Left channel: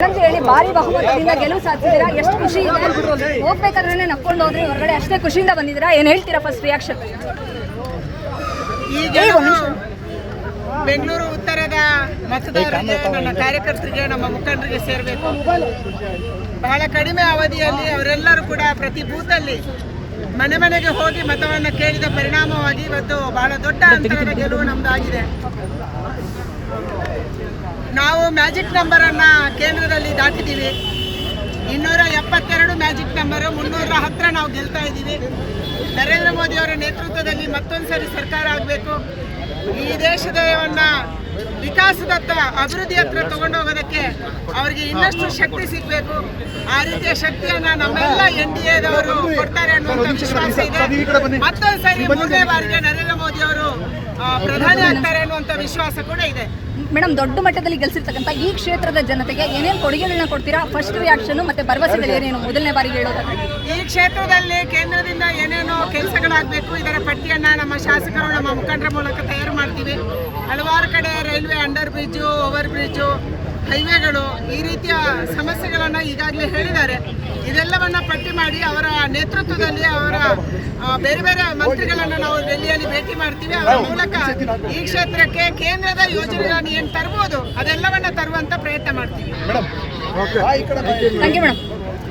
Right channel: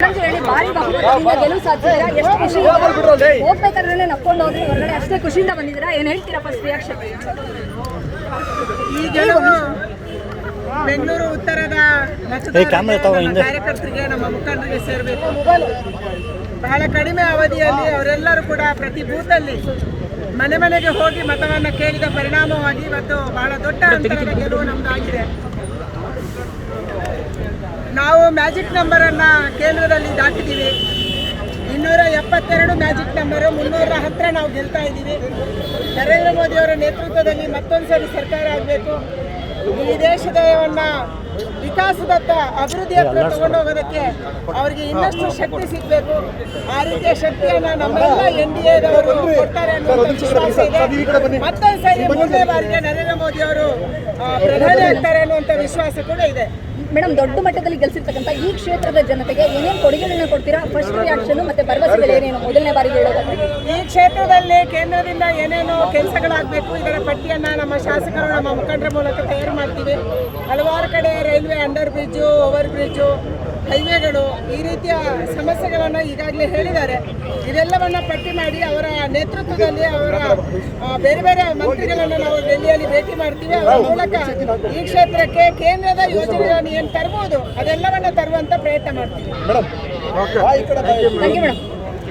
ಅಂತ ಹೇಳಿ ಭಾರಿ ಬಹುಮತದಿಂದ ಗೆಲುವು ಸಾಧಿಸಿದ್ರೆ ಎಷ್ಟು ಖುಷಿ ಇದೆ ಹೋಗ್ಬೇಕಾದ್ರೆ ನಕ್ಕೊಂಡು ಹೋದ್ರೆ ಹೊರಗಡೆ ಅಷ್ಟೇ ಖುಷಿಯಿಂದ ಬಂದಿದ್ದೀರಾ? ಏನ್ ಹೇಳ್ತೀರಾ ಫಸ್ಟ್ ರಿಯಾಕ್ಷನ್ ಈಗ ಬೆಂಗಳೂರು ಉತ್ತರದ ಮತದಾರರಿಗೆ ನಮ್ಮ ಕಾರ್ಯಕರ್ತರಿಗೆ ನಮ್ಮ ಮುಖಂಡರಿಗೆ ಸೇರಬೇಕು. ಬಹಳ ಕಡಿಮೆ ಅವಧಿಯಲ್ಲಿ ಅವರೆಲ್ಲರೂ ಕೂಡ ಪ್ರತಿ ಬೂತಲ್ಲಿ ಮನೆ ಮನೆಗೆ ಹೋಗಿ ಮತವನ್ನು ಕೇಳಿದ ಪರಿಣಾಮವಾಗಿ ಇವತ್ತು ಬಹಳ ದೊಡ್ಡ ಅಂತರದ ಗೆಲುವು ನಮ್ದಾಗಿದೆ. ಮ್ಯಾಜಿಕ್ ನಂಬರನ್ನು ಕೇಂದ್ರದಲ್ಲಿ ದಾಟಿದ್ದೀವಿ. ಇನ್ನೂರ ಎಪ್ಪತ್ತೆರಡು ಮ್ಯಾಜಿಕ್ ನಂಬರು ಮುನ್ನೂರ ಹತ್ತಿರ ನಾವು ಗೆಲ್ತಾ ಇದ್ದೀವಿ. ನರೇಂದ್ರ ಮೋದಿ ಅವರ ನೇತೃತ್ವದಲ್ಲಿ ಮತ್ತೊಂದು ಸರಿ ಸರ್ಕಾರ ಆಗಬೇಕು. ಈ ದೇಶದವನ್ನ ವಿಕಾಸದತ್ತ ಅಭಿವೃದ್ಧಿ ಹತ್ರ ತಗೊಂಡೋಗೋದಕ್ಕೆ ಅವರಿಗೆ ಇನ್ನಷ್ಟು ಶಕ್ತಿ ಸಿಗಬೇಕು. ಆ ರೀತಿಯ ಶಕ್ತಿಯನ್ನ ನಮ್ಮೆಲ್ಲ ಎನ್ ಡಿ ಎದವರು ಕೊಡ್ತಾರೆ ಅನ್ನುವಂಥ ವಿಶ್ವಾಸ ಇದೆ. ಮತ್ತೊಂದು ಸರಿ ಮೂರನೇ ಬಾರಿಗೆ ನರೇಂದ್ರ ಮೋದಿ ಅವರು ಆ, ಪ್ರಧಾನಿ ಆಗ್ತಾರೆ ಅನ್ನುವಂಥ ವಿಶ್ವಾಸ ಕೂಡ ಇದೆ. ಮೇಡಮ್ ದೊಡ್ಡ ಮಟ್ಟದಲ್ಲಿ ಗೆಲ್ಸಿರ್ತಕ್ಕಂಥ ಈ ಕ್ಷೇತ್ರದ ಜನತೆಗೆ ಏನೇನು ಕೊಡುಗೆಗಳನ್ನ ಕೊಡ್ತೀರಾ? ಫಸ್ಟ್ ರಿಯಾಕ್ಷನ್ ಮತ್ತೆ ಭರವಸೆಗಳು ಏನೇನು? ಮೊದಲನೇ ಬಾರಿಗೆ ಹೇಳೋದು. ಈ ಕ್ಷೇತ್ರದಲ್ಲಿ ಕೇಂದ್ರದಿಂದ ಏನೇನೋ ಕೆಲಸಗಳಾಗಬೇಕು ಇದರ ಪಟ್ಟಿಯನ್ನ ನಮ್ಮ ಶಾಸಕರು ನಮ್ಮ ಮುಖಂಡರ ಮೂಲಕ ತಯಾರು ಮಾಡ್ತೀವಿ. ಹಲವಾರು ಕಡೆ railway under bridge over bridge ಹೈವೇಗಳು ಈ ರೀತಿಯ ಸಮಸ್ಯೆಗಳನ್ನು ಈಗಾಗಲೇ ಹೇಳಿದ್ದಾರೆ. ಇದೆಲ್ಲವನ್ನ ಪಟ್ಟಿ ಮಾಡಿ ಅವರ ನೇತೃತ್ವದಲ್ಲಿ ಅವರ ಬೇರೆ ಬೇರೆ ಮಂತ್ರಿಗಳನ್ನು ನಾವು ಡೆಲ್ಲಿಯಲ್ಲಿ ಭೇಟಿ ಮಾಡ್ತೀವಿ. ಅವರ ಮೂಲಕ ಈ ಕ್ಷೇತ್ರಕ್ಕೆ ಕೇಂದ್ರದ ಯೋಜನೆಗಳನ್ನು ಏನು ತರ್ಬೋದು ಅದೆಲ್ಲವನ್ನ ತರುವಂತ ಪ್ರಯತ್ನ ಮಾಡ್ತೀವಿ. Thank you madam